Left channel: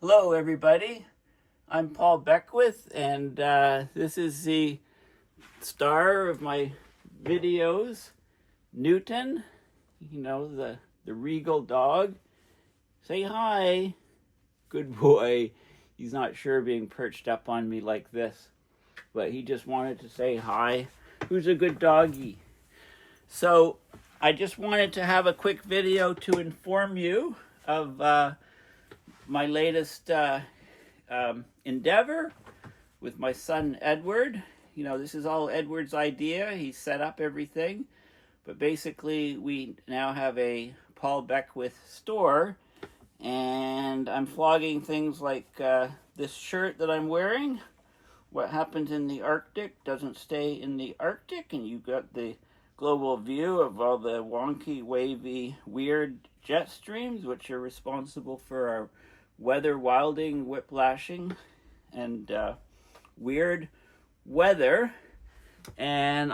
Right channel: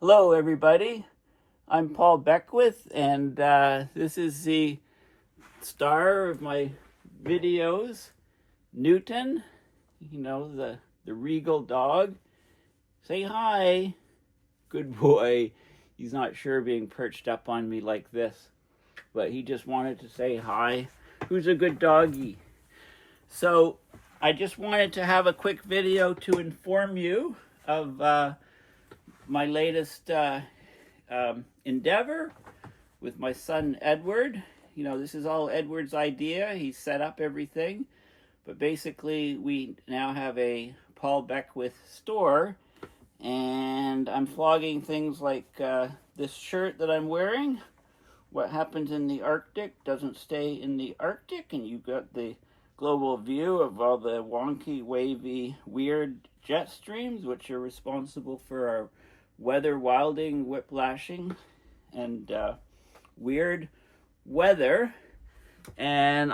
Hello, everybody. I'm Paul Beckwith, and this is the star of my videos, Newton. You know, the regal dog. Say hi. Good boy. He's not sure being perched up on me like this, but he just wanted to say hi. Who's a good doggy? So I just wanted to have a quick video to inform you of my latest endeavor with my son Edward. You know, this is all Edward's idea. He set up everything. But basically, we now have a Paul Beckwith store, and I'm flogging things like this shirt that I'm wearing. What happens in the Arctic doesn't stay in the Arctic, and you've got the global view of all the wonky, wavy, weird jet streams, which are responsible for our weather wilding, whiplashing, and weird weather. And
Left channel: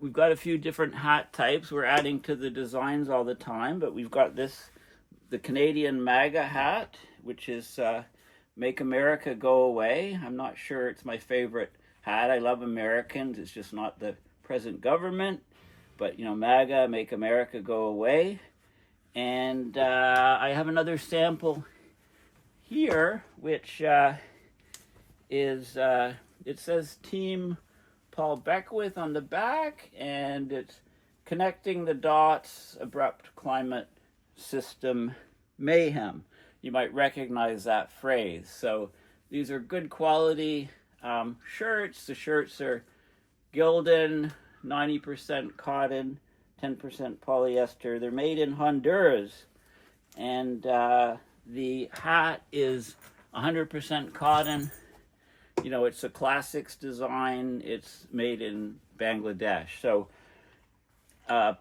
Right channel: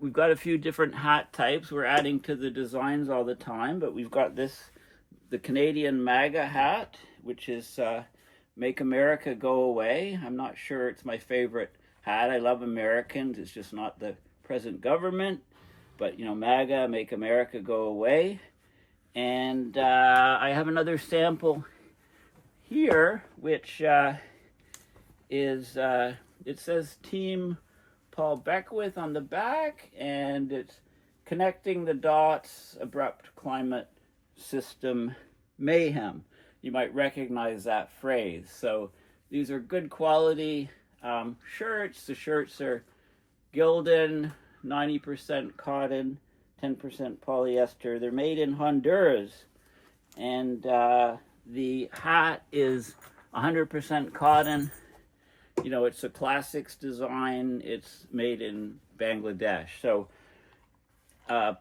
we've got a few different hat types. We're adding to the designs all the time, but we've got the Canadian MAGA hat, which is Make America Go Away. I'm not sure it's my favorite hat. I love Americans. It's just not the present government. But, you know, MAGA, Make America Go Away. And I have another sample here, which is, it says Team Paul Beckwith on the back, and it's connecting the dots, Abrupt Climate System Mayhem. You might recognize that phrase. So these are good quality shirts. The shirts are Gildan, 90% cotton, 10% polyester. They're made in Honduras, and the hat is 100% cotton. You know, it's a classics design. It's made in Bangladesh. So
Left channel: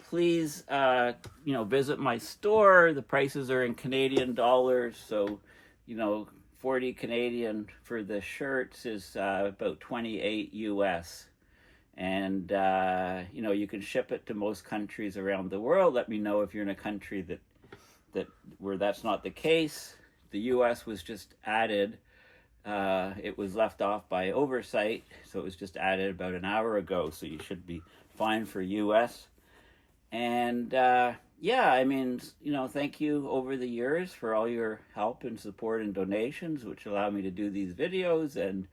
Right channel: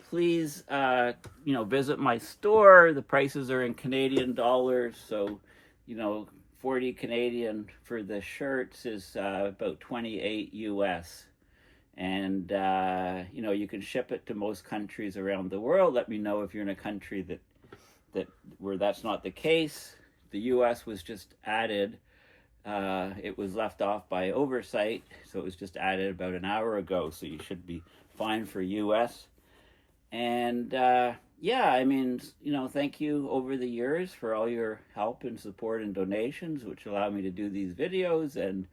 please, you know, visit my store. The prices are in Canadian dollars. So, you know, 40 Canadian for the shirts is about 28 US. And, you know, you can ship it to most countries around the world. Let me know if you're in a country that where that's not the case. The US was just added. It was left off by oversight, so it was just added about an hour ago, so you should be fine for US. And yeah, I mean, you know, thank you over the years for all your help and support and donations, which allow me to do these videos, and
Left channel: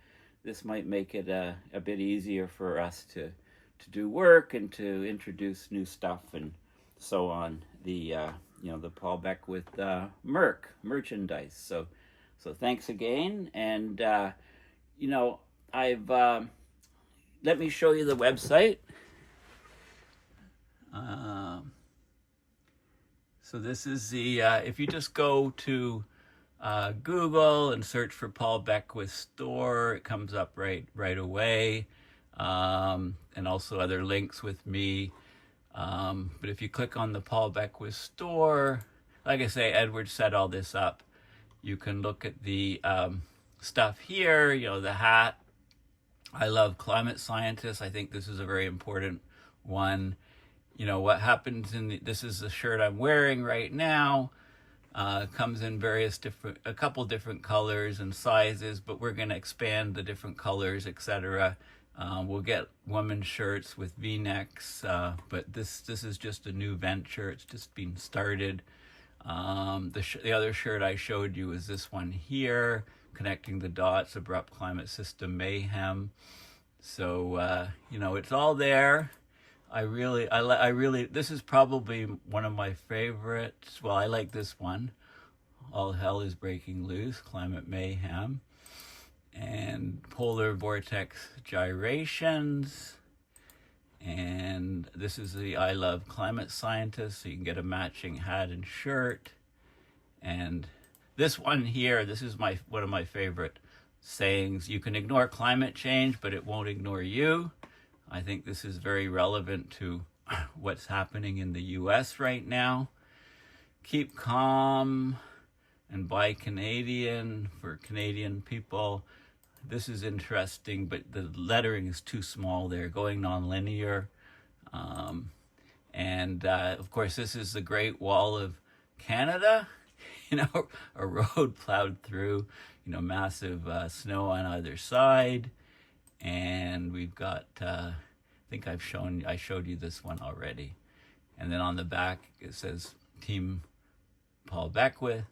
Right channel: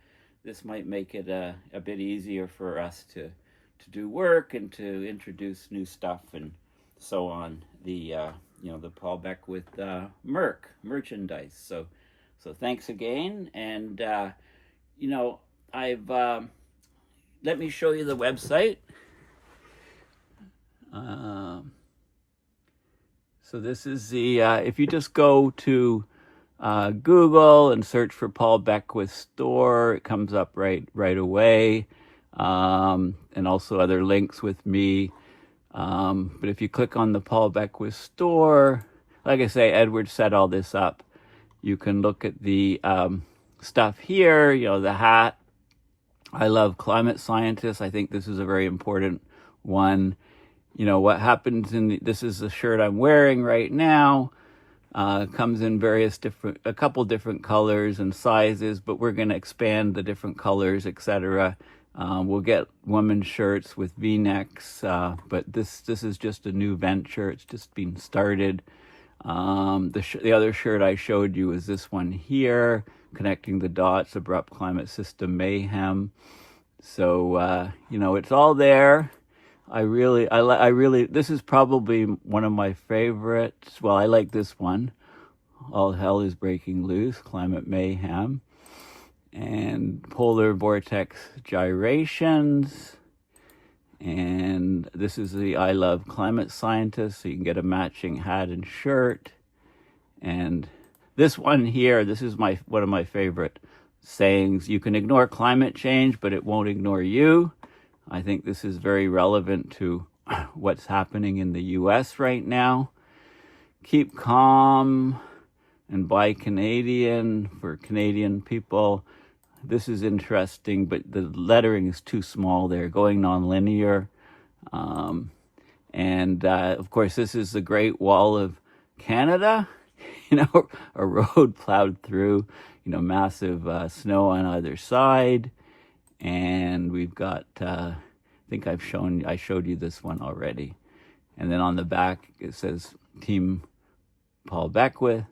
this might make it a bit easier for us to do work and to introduce new stuff and so on. The you know, the Paul Beckwith Merc merchandise. So thanks again. And you know, I've let me show you the website. So this is the if you just go to Google and search for Paul Beckwith store, it comes up right away, and also other links with me. But if you click on the Paul Beckwith store, like I say, Edward set all this up. You can look at the stuff here, you know, the hat. I love climate scientists. I think this is a very important one. You know, what happens this is the shirt I'm wearing right now. Comes in a couple different colors and sizes, but we're going to expand the different colors, etc. We'll get women's shirts with V-necks, but this is just a new venture. It's just been started. The other shirt I showed you is this one here, connecting the dots, Abrupt Climate System Mayhem. So you know, it's all there. I really, this is probably one of my favorites. Well, I like this one. All Hell is Breaking Loose, Climate Mayhem. And Polar Vortex Gyrations. And this is the I Love Climate Scientists, so you can get a matching hat and shirt. And this one here, this is one of my favorite sayings. You can ignore climate change, but it won't ignore you. I think this is very relevant to what's happening in the US right now. Keep calm and buy Canadian for Canadian people. This is interesting, but the lettering is too small there, going non-linear. And of course, this is the Great Wall of Canada. a road plowed through, massive snow on either side. And we've got, I think I showed you this one already. And then on the back, it says Team Paul Beckwith.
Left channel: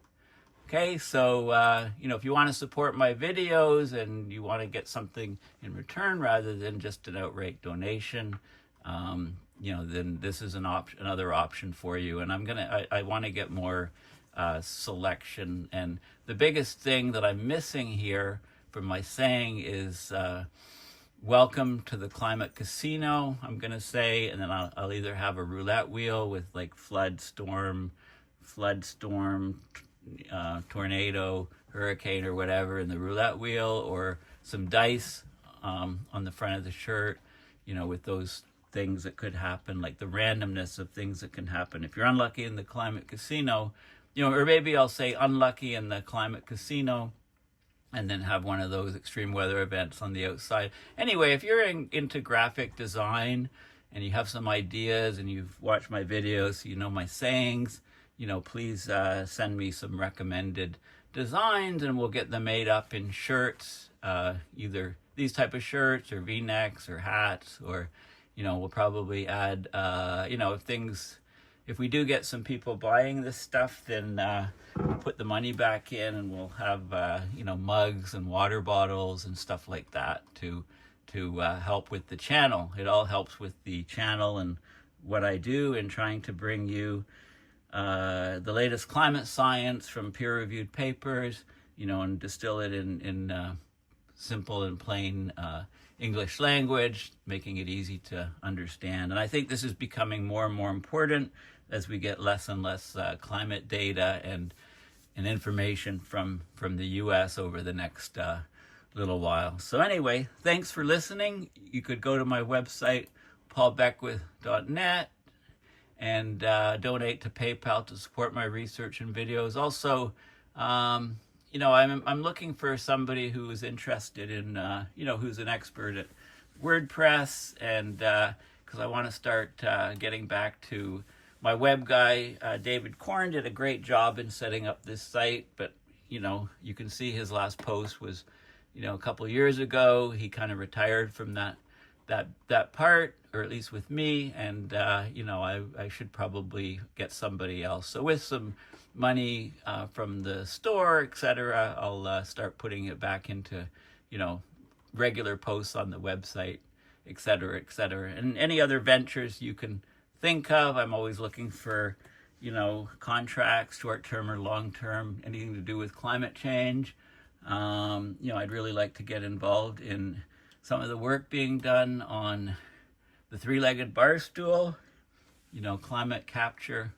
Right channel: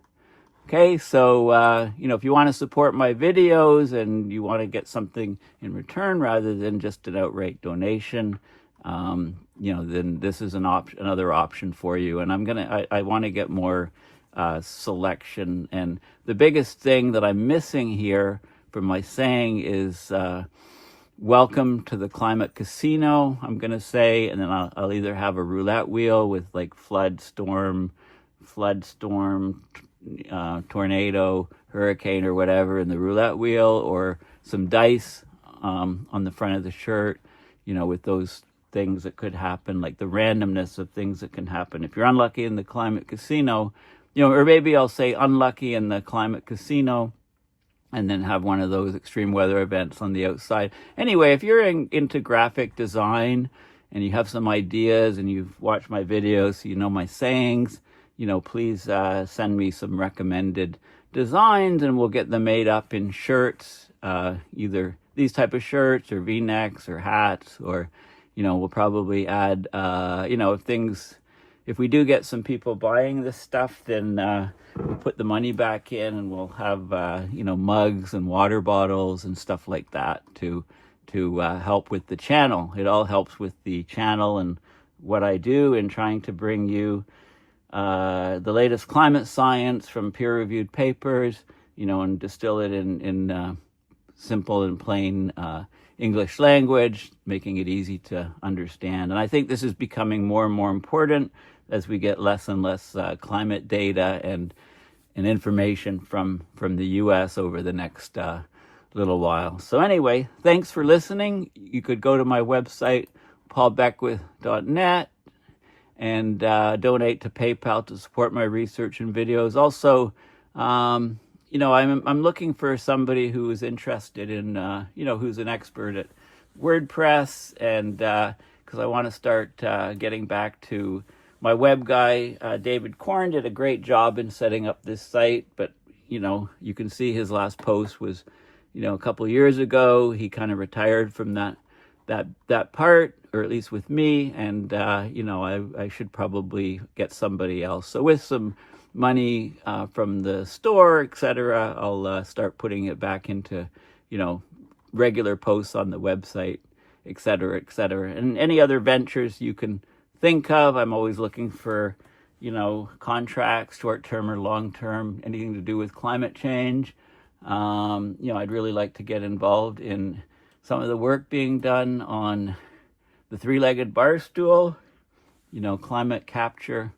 Okay, so, if you want to support my videos and you want to get something in return rather than just an outright donation, then this is another option for you. And I want to get more selection. And the biggest thing that I'm missing here from my saying is welcome to the climate casino, I'm going to say. And then I'll either have a roulette wheel with like flood, storm, tornado, hurricane, or whatever in the roulette wheel, or some dice on the front of the shirt, with those things that could happen, like the randomness of things that can happen. If you're unlucky in the climate casino, or maybe I'll say unlucky in the climate casino, and then have one of those extreme weather events on the outside. Anyway, if you're into graphic design and you have some ideas and you've watched my videos, so you know my sayings, please send me some recommended designs and we'll get them made up in shirts, either these type of shirts or V-necks or hats, or, we'll probably add, if we do get some people buying this stuff, then we'll put the money back in and we'll have, mugs and water bottles and stuff like that to help with the channel. It all helps with the channel and what I do in trying to bring you the latest climate science from peer-reviewed papers, and distill it in simple and plain English language, making it easy to understand. And I think this is becoming more and more important as we get less and less climate data and information from the U.S. over the next little while. So anyway, thanks for listening. You could go to my website, paulbeckwith.net, and donate to PayPal to support my research and videos. Also, I'm looking for somebody who is interested in, who's an expert at WordPress, and because I want to start getting back to my web guy. David Korn did a great job in setting up this site, but, you can see his last post was, a couple years ago. He kind of retired from that part, or at least with me, and I should probably get somebody else. So with some money from the store, etc., I'll start putting it back into regular posts on the website, etc., etc. And any other ventures you can think of. I'm always looking for contracts, short-term or long-term, anything to do with climate change. I'd really like to get involved in some of the work being done on the three-legged bar stool, climate capture,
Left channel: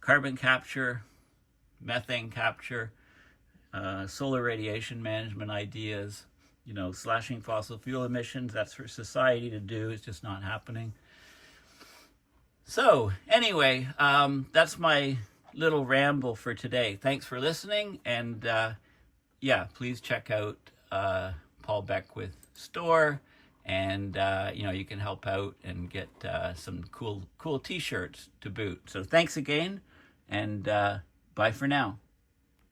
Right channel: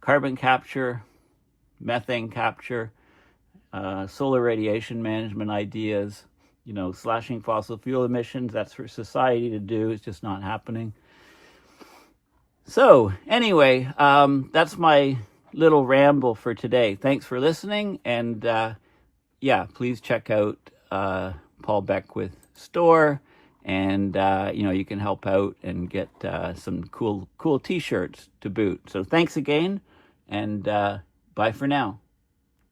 carbon capture, methane capture, solar radiation management ideas, slashing fossil fuel emissions. That's for society to do. It's just not happening. So anyway, that's my little ramble for today. Thanks for listening. And please check out Paul Beckwith store, and you can help out and get some cool t-shirts to boot. So thanks again, and bye for now.